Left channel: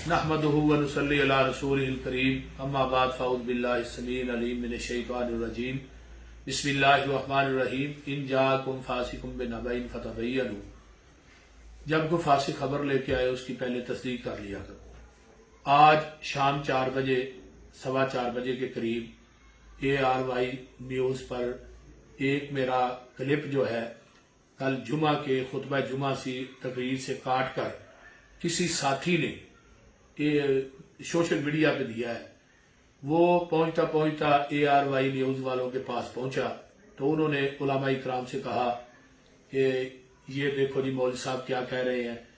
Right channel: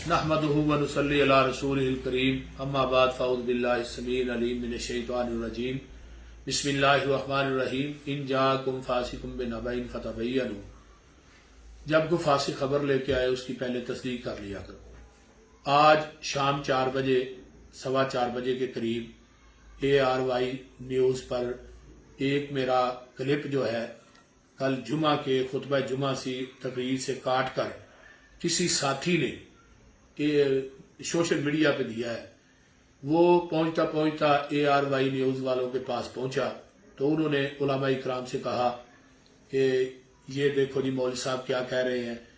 नहमदुहु व नुसल्ली अला रसूलिल करीम अम्मा बाद फ़अऊज़ु बिल्लाहि अस्समीइल अलीम मिनश शैतानिर रजीम बिस्मिल्लाहिर रहमानिर रहीम इन जाअकुम फासिकुम बिनबइन फतबय्यनु। जब कोई फासिक खबर लेके आए उसकी पहले तस्दीक कर लिया करो। आज शाम 4 बजे 4:15 बजे के करीब ARY न्यूज़ पर एक मेरा क्लिप जो है कल जुमा के खुतबा जुमा सी तकरीर से काट कर किसी साथी ने सोशल मीडिया पे दिया है। वो पहुंचता पहुंचता ARY न्यूज़ वालों के पास पहुंचा तो उन्होंने उलमा इकराम से कहा कि ये देखो जी मौलवी साहब क्या कह रहे हैं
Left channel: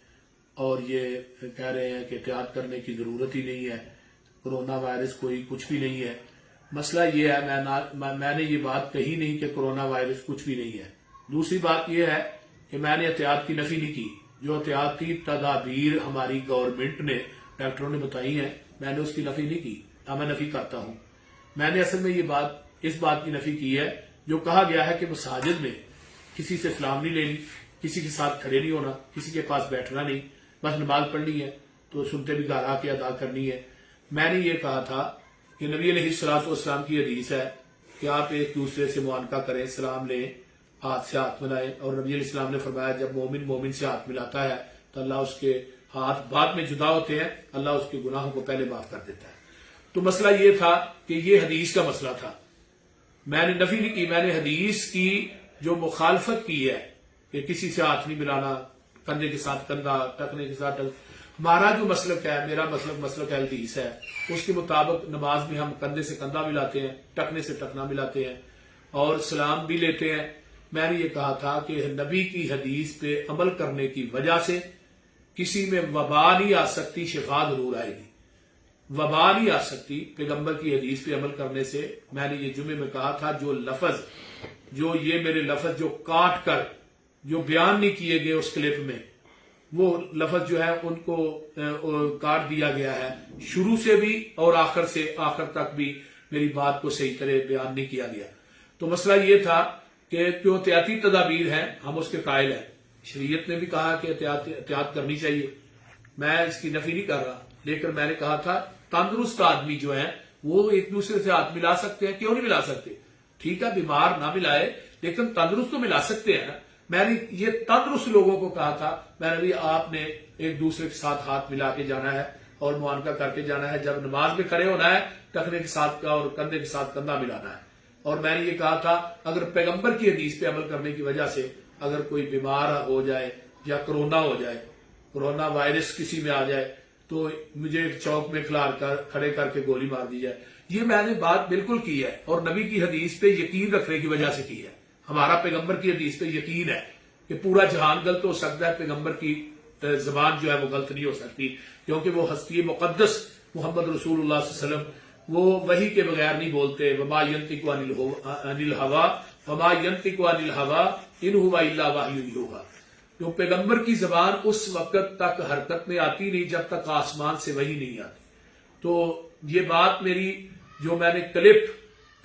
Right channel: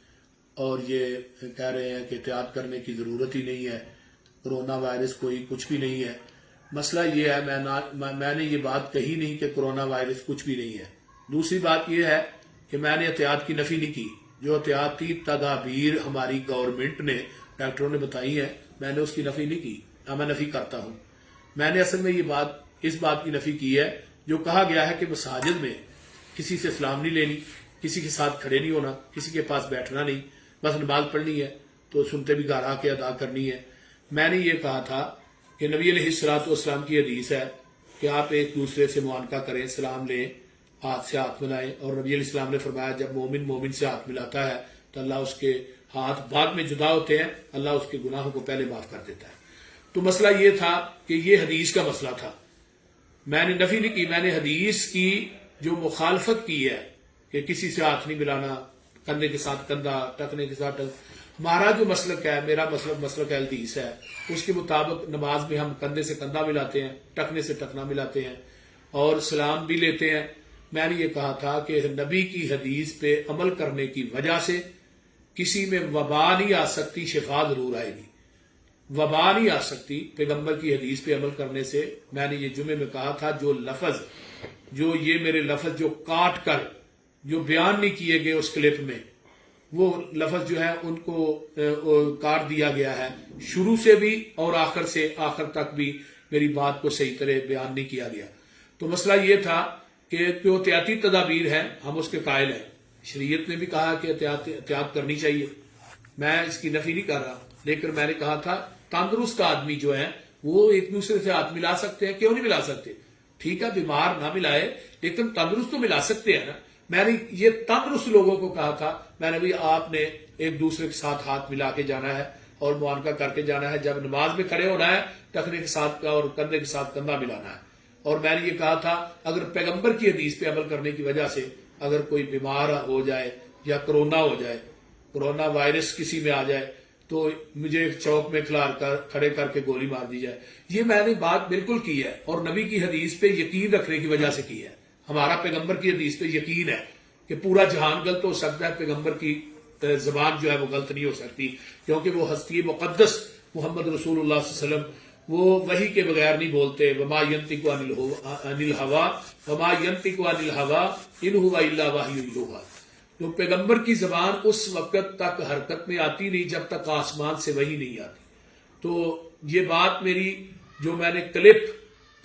और ये कह रहे हैं कि एहतियात करने की ज़रूरत ही नहीं है, कोरोना वायरस कोई कुछ भी नहीं है। मसला ये है मैंने ये बात कही नहीं कि कोरोना वायरस कुछ भी नहीं है। दूसरी बात यह है कि मैंने एहतियात की नफी नहीं की। जो एहतियाती तदाबीर हमारी गवर्नमेंट ने डॉक्टरों ने बताई है मैंने उसकी नफी नहीं की, ना मैं नफी करता हूं। मैंने असल में ये बात इस बात की नफी की है जो कहा गया है कि मसाजिद में किसी से सलाम नहीं लेनी, किसी के साथ खड़े नहीं होना, किसी के पास बैठना नहीं, बस नमाज पढ़नी है तो सुनते भी घर आके अदा करनी है। मैंने ये कहा था कि नबी अलैहिस्सलाम की हदीस है कि आप एक दूसरे से मुआनका करें, सलाम लें, हाथ से हाथ मिलाएं। और नबी अलैहिस्सलाम ने फरमाया जब मोमिन से हाथ मिलाता है तो अल्लाह उसके हाथ बाद में जुदा होते हैं, अल्लाह उसके गुनाहों को पहले माफ कर देता है। तो मसला ये था कि ये हदीस का मसला था, मैंने नफी नहीं की। मैंने हदीस की जो मुखालफत की है कि किसी से हाथ नहीं मिलाना, कंधे के साथ कंधा, टकने के साथ टक। हमारा जो मसलक है, मेरा मसलक हदीस है, उसके मुताबिक नमाज में हम कंधे से कंधा मिलाते हैं, टकने से टकना मिलाते हैं और सलाम भी लेते हैं। मैंने ये कहा था कि नबी की हदीस पे अमल करने की वजह से किसी में वबा नहीं आ सकती, शिफा जरूर आएगी। वबा नहीं आ सकती पैगंबर की हदीस पे अमल करने से। मैंने ये जुमे में कहा था जो मेरे लफज जो काट कर जो बयान नहीं किए गए उस क्लिप में, वो लफज जो है उनको काट दिया गया है। शुरू से भी और आखिर तक भी मेरी बात को सही तरह बयान नहीं किया गया। तो मसला ये था कि जो एहतियाती तदाबीर है हम उसके कायल हैं। शरीयत ने भी कहा कि एहतियात करनी चाहिए, मैं इसकी नफी नहीं कर रहा, लेकिन मैंने कहा था तंदुरुस्त आदमी जो है वो एक दूसरे से हाथ मिला सकते हैं, क्यों नहीं मिला सकते? ठीक है बीमार ना मिलाए लेकिन तंदुरुस्त तो मिला सकते हैं ना। मैंने ये तंदुरुस्त लोगों को कहा था, मैंने भी आपने एक दूसरे के साथ हाथ मिला के जाना है और मुआनका करके जाना है। जब नमाज में खड़े होना है टखने के साथ और कंधे के साथ कंधा मिलाना है। और मैंने ये कहा था अगर पैगंबर की हदीस पे अमल करने की वजह से अगर कोई बीमार हो जाए या कोरोना हो जाए, कोरोना वायरस किसी में आ जाए तो मुझे चौक में खड़े करके गोली मार दी जाए। ये मैंने बात बिल्कुल की है और नबी की हदीस पे यकीन रखने की वजह से की है। हमारा पैगंबर की हदीस पे यकीन है कि पूरा जहान गलत हो सकता है, पैगंबर की जबान जो है वो गलत नहीं हो सकती, क्योंकि वो हस्ती मुकद्दस मोहम्मद रसूलुल्लाह सल्लल्लाहु अलैहि वसल्लम वो वही के बगैर नहीं बोलते। वमा यंतिकु अनिल हवा इन हुवा इल्ला वहयुन युहा। तो पैगंबर की जबान उस वक्त तक हरकत में आती नहीं जब तक आसमान से वही नहीं आती। तो ये बात मेरी जो मैंने क्लिप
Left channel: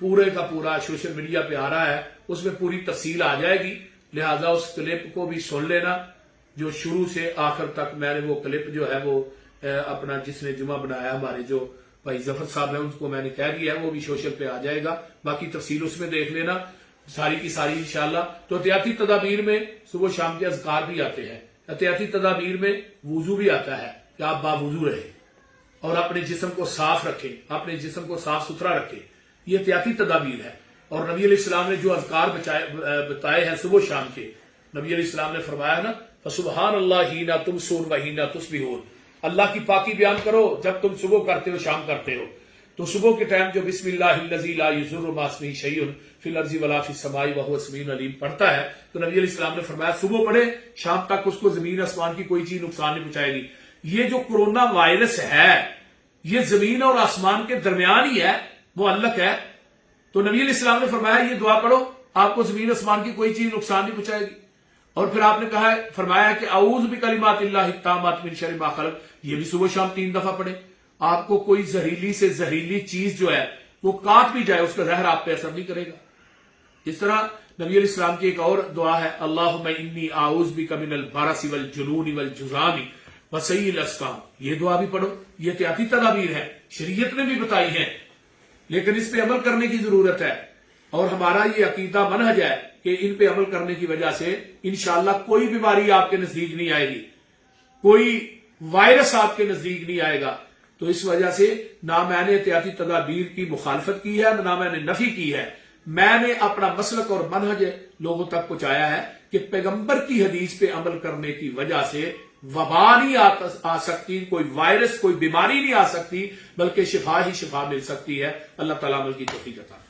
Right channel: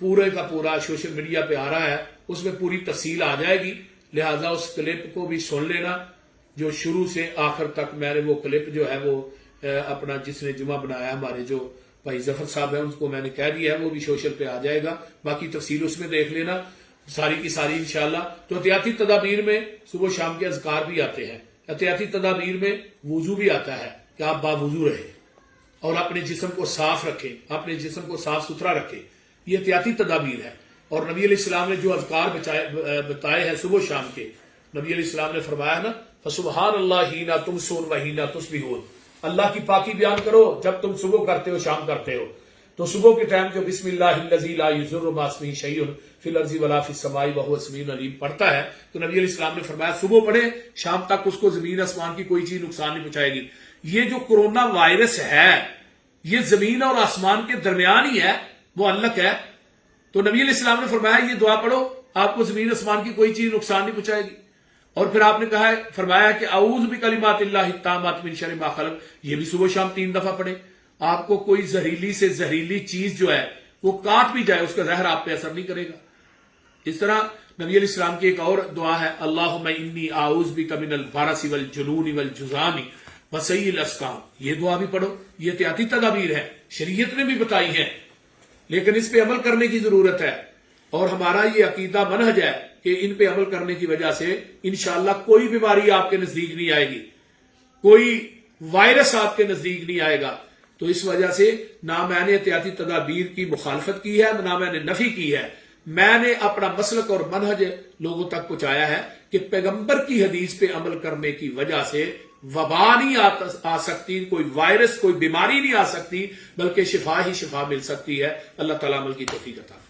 पूरे का पूरा सोशल मीडिया पे आ रहा है उसमें पूरी तफसील आ जाएगी, लिहाजा उस क्लिप को भी सुन लेना जो शुरू से आखिर तक। मैंने वो क्लिप जो है वो अपना जिसने जुमा बनाया हमारे जो भाई जफर साहब है उनको मैंने कह दिया है, वो भी सोशल पे आ जाएगा, बाकी तफसील उसमें देख लेना सारी की सारी इंशाल्लाह। तो एहतियाती तदाबीर में सुबह शाम के अज़कार भी आते हैं, एहतियाती तदाबीर में वुजू भी आता है कि आप बावुजू रहे और अपने जिस्म को साफ रखें, अपने जिस्म को साफ सुथरा रखें। ये एहतियाती तदाबीर है। और नबी अलैहिस्सलाम ने जो अज़कार बताए हैं सुबह शाम के, नबी अलैहिस्सलाम ने फरमाया ना फसुबहानल्लाह हीना तुमसून व हीना तुस्बिहून, अल्लाह की पाकी बयान करो जब तुम सुबह करते हो शाम करते हो। तो सुबह के टाइम जो बिस्मिल्लाहिल्लज़ी ला युज़िरु मा इस्मिही शैउन फिल अर्ज़ि वला फिस समाई व हुवा समीउन अलीम पढ़ता है तो नबी अलैहिस्सलाम ने फरमाया सुबह पढ़े, शाम तक उसको जमीन आसमान की कोई चीज नुकसान नहीं पहुंचाएगी। ये जो कोरोना वायरस है ये जमीन और आसमान के दरमियान ही है, वो अल्लक है। तो नबी अलैहिस्सलाम ने फरमाया ये दुआ पढ़ो आपको जमीन आसमान की कोई चीज नुकसान नहीं पहुंचाएगी। और फिर आपने कहा फरमाया कि औज़ु बिकलिमातिल्लाहि ताम्माति मिन शर्रि मा खलक़, ये भी सुबह शाम 3 दफा पढ़े। आपको कोई जहरीली से जहरीली चीज जो है वो काट भी जाए उसका जहर आप पे असर नहीं करेगा। इस तरह नबी अलैहिस्सलाम की एक और दुआ है, अल्लाहुम्मा इन्नी आऊज़ु बिका मिनल बरसि वल जुनूनि वल जुज़ामी وسیع الاسقام، یہ دعا بھی پڑھو، یہ احتیاطی تدابیر ہے، شریعت نے بھی بتائی ہیں، لیکن اس پہ عمل کرنے کی ضرورت ہے، اور ہمارا یہ عقیدہ منہج ہے کہ ان پہ عمل کرنے کی وجہ سے انشاءاللہ کوئی بیماری آپ کے نزدیک نہیں آئے گی، کوئی وائرس آپ کے نزدیک نہیں آئے گا۔ تو اس وجہ سے نہ میں نے احتیاطی تدابیر کی مخالفت کی ہے، نہ میں نے نفی کی ہے، میں نے اپنا مسلک اور منہج لوگوں تک پہنچایا ہے کہ پیغمبر کی حدیث پہ عمل کرنے کی وجہ سے وبا نہیں آ سکتی، کوئی وائرس، کوئی بیماری نہیں آ سکتی، بلکہ شفا ہی شفا مل سکتی ہے۔ اللہ تعالیٰ عمل کی توفیق عطا فرمائے۔